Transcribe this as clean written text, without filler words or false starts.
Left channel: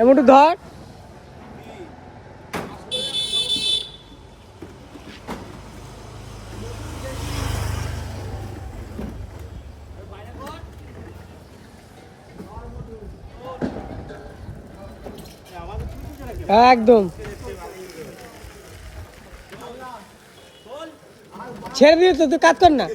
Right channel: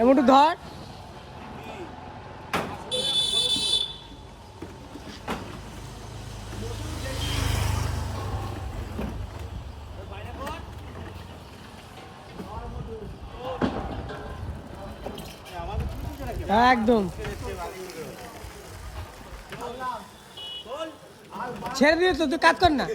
এমনটু ধর। একদম ছেড়ে দিয়ে তো, তুই কাজ কর না।